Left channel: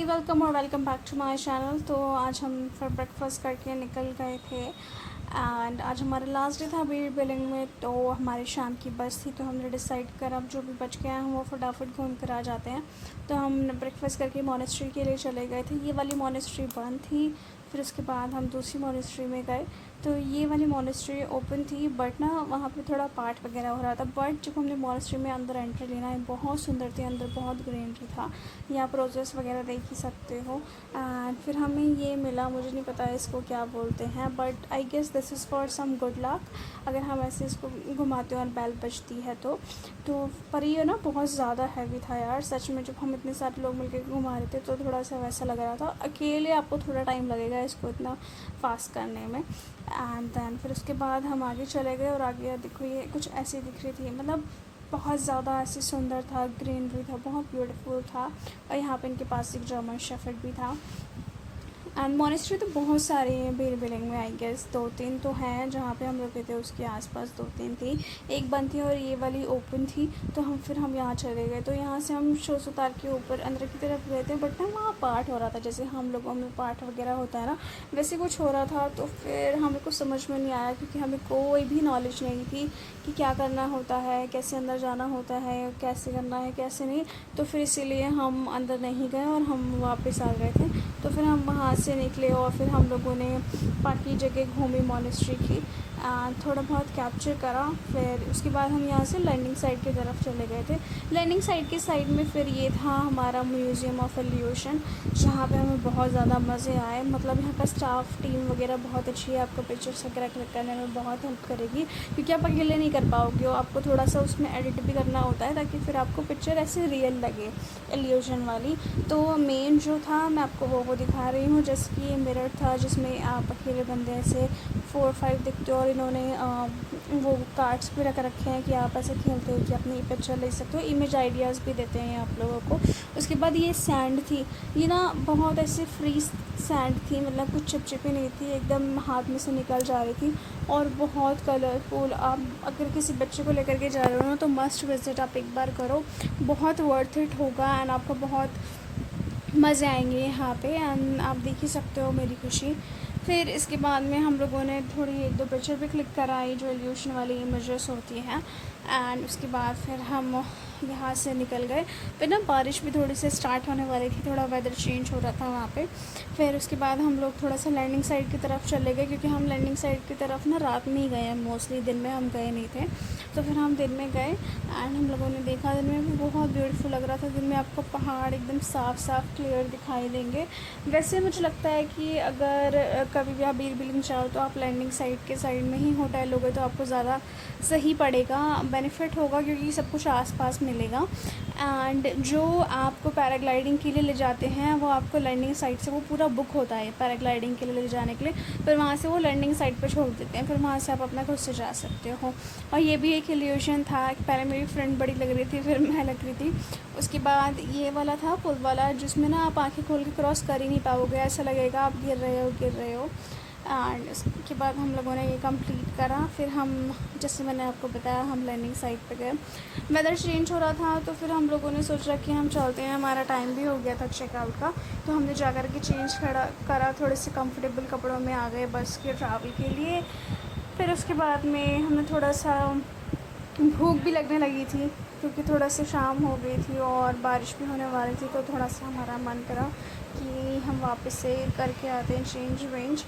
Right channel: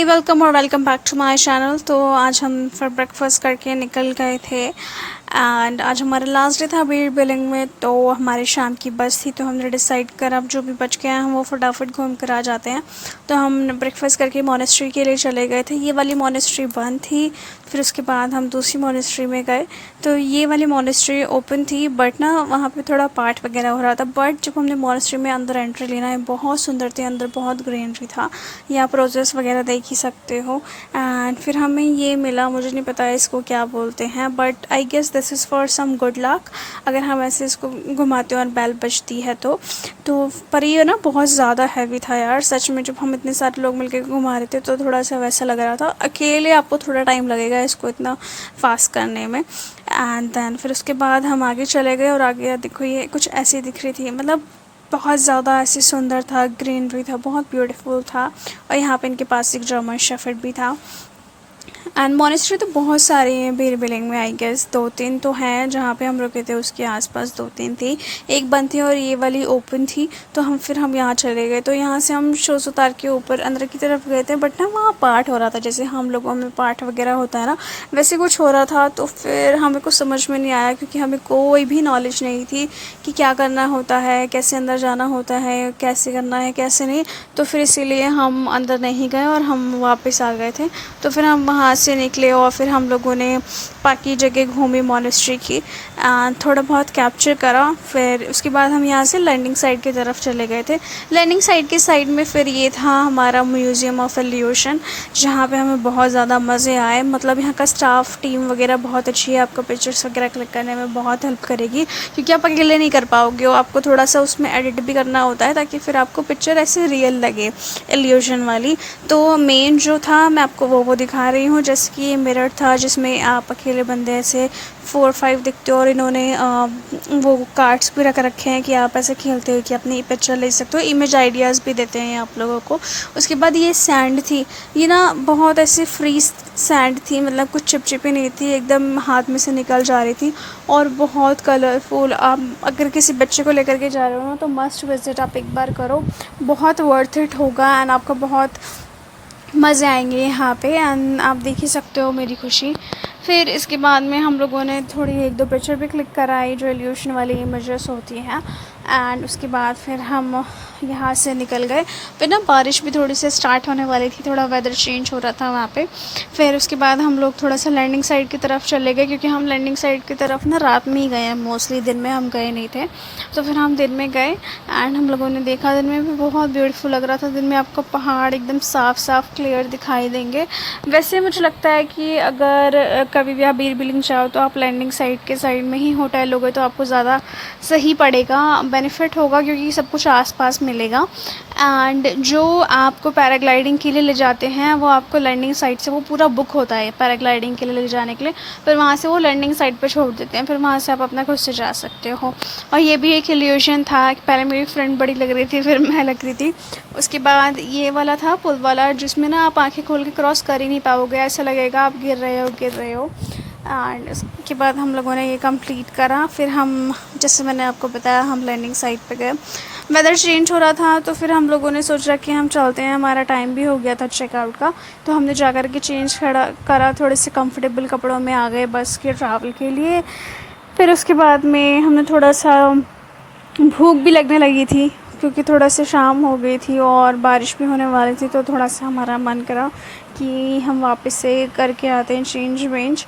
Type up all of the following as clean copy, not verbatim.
हाय welcome और welcome back to my channel. तो आज हम फिर ब्रेकफास्ट करके निकल गए थे एंड आज हमारा लास्ट डे था बीड़ बिलिंग में। तो हमारी शाम की बस थी तो हमने डिसाइड करा अब जो भी बच गए हैं हम वो फटाफट घूम कर आ जाते हैं। तो हम ब्रेकफास्ट करके मॉनेस्ट्री के लिए चले गए थे। ये वाली मॉनेस्ट्री बंद थी, फिर उसके बाद हम दूसरी मॉनेस्ट्री में गए। तो ये वाली मॉनेस्ट्री ओपन थी बट ना वहाँ पे थोड़ा पाठ वगैरह हो रहा था। बट जब हमने मॉनेस्ट्री में अंदर एंट्री लेना है, बहुत सुंदर थी, अंदर बहुत ग्रीनरी था, यहाँ प्रोसेस वगैरह देख ही सकते हो। एंड फिर हमें ये मिला, मुझे नहीं पता इसको क्या बोलते हैं but I guess this is for some good luck, अगर हम ऐसे इसको घुमाते हैं और बैल बजती है तो पर ये ना बहुत ज़्यादा हैवी था यार, सच में। जब हम इतने सारे लोग मिलकर घुमा रहे थे तो थोड़ा सा वैसा लग रहा था, अकेले आपको थोड़ा टाइम लगेगा इसको इतना फास्ट करने में। एंड देन फिर उसके बाद हम आगे चले गए और आगे देखो ये कुछ ऐसी दिख रही थी, मतलब बहुत ज़्यादा ऐसे सुंदर था, ग्रीनरी था, बहुत ब्यूटीफुल था। और यहाँ पे इनके पास एक जर्मन शेफर्ड भी था। एंड मॉनेस्ट्री तो बहुत सारी हैं बीड़ बिलिंग में, आई गेस 2-3 तो हैं, जहाँ पे हम रुके थे उसके आसपास 2-3 थी, एक बंद थी और ये वाली ओपन थी। तो हम यहाँ चले गए। तो यहाँ से हम शोज उतार के ऊपर अंदर की तरफ गए थे बट ना वहाँ पाठ हो रहा था, जैसे हम लोगों में पाठ वगैरह होता है ना, वैसे कुछ हो रहा था। तो फिर हमें कुछ समझ में नहीं आया क्योंकि हमें कोई भी नॉलेज नहीं थी कि क्या करना होता है, कैसे अंदर जाना होता है, कैसे करना है कैसे नहीं। तो फिर इसीलिए हम अंदर नहीं गए और हम वापस आ गए थे। तो फिर हम वहाँ से निकले और फिर हम लोगों ने बाकी जगह घूमी मॉनेस्ट्री की, थोड़ा बहुत कैप्चर करा। फिर उसके बाद हम यहाँ से लैंडिंग साइड की तरफ चले गए थे। लैंडिंग साइड के साइड में फिर ये था हमारा म्यूज़ियम ऑफ इल्यूशन, जहाँ पे हमें बहुत ज़्यादा मज़े आए। मतलब यहाँ का स्टाफ टीम वगैरह बहुत अच्छी है, आपको पिक्चर्स वगैरह क्लिक करने में बहुत हेल्प करेगी क्योंकि आप अकेले नहीं कर पाओगे, आपको थोड़ा सा उसमें एडिट भी करना होता है ताकि फिर आपको पिक्चर ऐसे रियल लगे, इल्यूशन वाली। तो मेन जो था मैं आपको वो दिखा रही हूँ, जैसे कि ये मिरर था जिसमें आप अकेले बंदे ऐसे 4-5 दिखते हो और इन्होंने वो कार्ड्स भी रख रखे हैं कि आप ऐसे खेलते हो कि अपनी पिक्चर ले सकते हो, इमेज आइडियाज़ भी देते हैं आप लोगों को। उसके बाद ये सैंड थी, ये ना बहुत ऐसे फ्री सैंड थी, मतलब कुछ चिपचिपी नहीं थी, एकदम हाथ में से निकल जा रही थी और बहुत कलरफुल। आप अगर किसी बच्चे को लेकर के जा रहे हो ना तो मस्ट विजिट, आप एक बार करो, बहुत वर्थ इट होगा एंड आपको बहुत मज़े आएंगे यहाँ पे। एंड आप देख ही सकते हो मेरी खुशी। फिर इसके बाद में हम लोगों ने थोड़ी 1-2 पिक्चर भी क्लिक कराई जो इल्यूशन वाली इमेजेस होती हैं। एंड उसके बाद फिर हम यहाँ से निकल गए। फिर ना बारिश भी थोड़ी सी स्टार्ट होने वाली थी, थोड़ा वेदर चेंज हो रहा था वहाँ पे। फिर उसके बाद हम लोग थोड़ा सा लैंडिंग साइड की तरफ चले गए क्योंकि हम लैंडिंग साइड की तरफ ना रात में ही गए हैं, मोस्टली दिन में हम गए नहीं थे। तो फिर हम दिन में गए एंड हम लोगों ने देखा, दिन में भी बहुत ब्यूटीफुल लग रहा था। दिन में आपको पहाड़ एकदम साफ़ साफ़ क्लियर दिखाई देंगे। वैसे मुझे लगता है कि अगर कभी भी आप बीड़ बिलिंग चाहो तो आप लैंडिंग साइड के साइड में ही होटल लोगे तो आपको ज़्यादा सही पड़ेगा, बेनिफिट होगा क्योंकि सब कुछ आसपास मिलेगा। एंड जो आपको पैराग्लाइडिंग के लिए ले जाते हैं वो आपको लैंडिंग साइड से वो पूरा बुक होता है पैराग्लाइडिंग के लिए ले जाने के लिए, फिर वहाँ से वो लैंडिंग साइड पर छोड़ देते हैं, फिर वहाँ से आप अपना खुद से जा सकते हो। और ये भी एक इल्यूशन था, पहले मेरी फ्रेंड बड़ी लग रही थी फिर मैं लग रही थी। उसके बाद ये वाला था पुल वाला जिसमें ना आप आंखें खोल के क्रॉस कर ही नहीं पाओगे, ऐसा लगेगा आप गिर रहे हो। एंड उसके बाद हम लोगों ने ये कंप्लीट करा। फिर हम, जैसे मैंने आपको बताया, हम लैंडिंग साइड पे गए। वेदर चेंज हो रहा था तो फिर हम लोगों ने सोचा कि हम चलते हैं, हमारा टाइम भी हो गया था चेकआउट का। तो हमने जा कर के चेंज करा, थोड़े से कंफर्टेबल कपड़ों में आ गए बस के ट्रैवल के लिए। फिर उसके बाद में हमने थोड़ा सा, भूख भी लगने लगी थी क्योंकि थोड़ा सा शाम हो गई थी और बारिश भी होने वाली थी, तो थोड़ा सा हमारा मन करा कि हम वापस से करके आते हैं चेंज वेंज।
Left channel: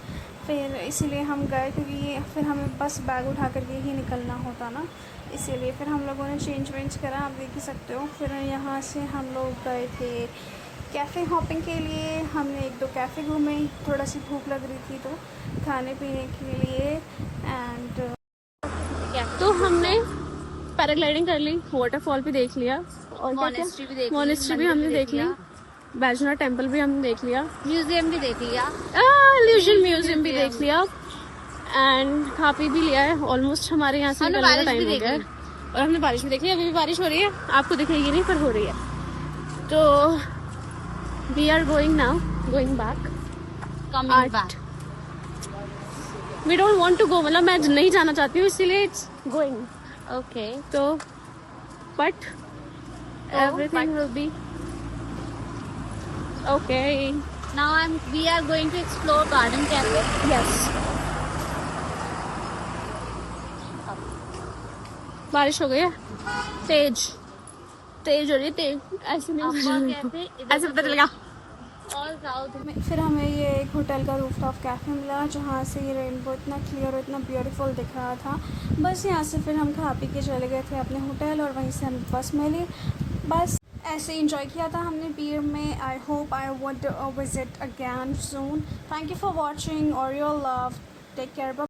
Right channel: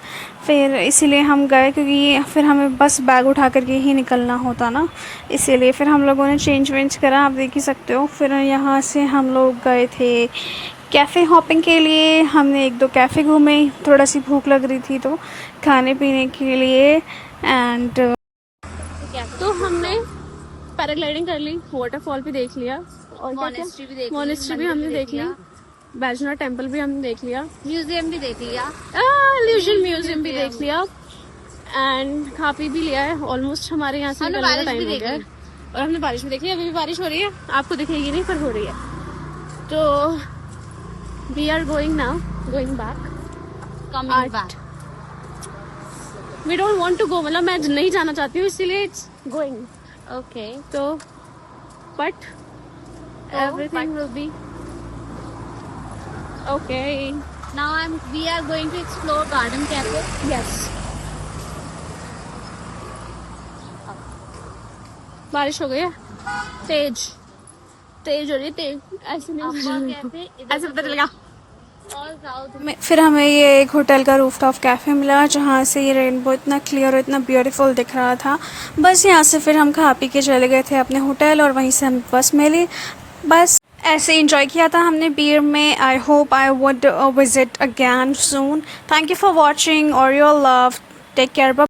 फिर इसीलिए हम गए क्योंकि फिर हमें बस बैग उठा करके ही निकलना होता ना, इसीलिए फिर हम लोगों ने चेंज वेंज करा, आप देख ही सकते हो। फिर यहाँ से हम लोग गए थे कैफ़े हॉपिंग के लिए, हमने 1-2 कैफ़े घूमे, थोड़ा सी भूख लग रही थी तो खाने पीने के लिए। एंड तो हमने पैराग्लाइडिंग कर ली, वाटरफॉल भी देख लिया और मॉनेस्ट्री भी हमने देख ली, बैजनाथ टेम्पल भी हमने देख लिया, म्यूजियम भी देख लिया, इल्यूशन म्यूजियम भी देख लिया एंड खा पी भी लिया है। ऑलमोस्ट हमारे यहाँ से निकलने का टाइम हो गया है और हमने बारिश भी देख ली। अभी भी बारिश हो रही है, आपको दिखेगी नहीं पर हो रही है। तो we are going now, going back, coming back. We don't want to go, मतलब मैं नहीं जाना चाहती हूँ इसीलिए इट्स गोइंग। ओके, तो but everything will be Okay. Now we are going to explore Garden Cafe. Yes. बारिश हो गई है तेज तेज हो रही है तेज ऐसे नहीं Aqua Cafe इधर ऐसे पता चलेगा और साउथ फिर हमें ये एक होटल का रूफटॉप कैफ़े मिला जहाँ से ये रेनबो इतना क्लियर और इतना ब्यूटीफुल दिख रहा था। बस यहाँ से फिर हम खा पी के चले गए थे अपने होटल और वहीं से हम बस मिली। बस ऐसे इंजॉय किया था हमने बीर में। I hope I would visit again soon. Thank you for watching और योर लव। Take care.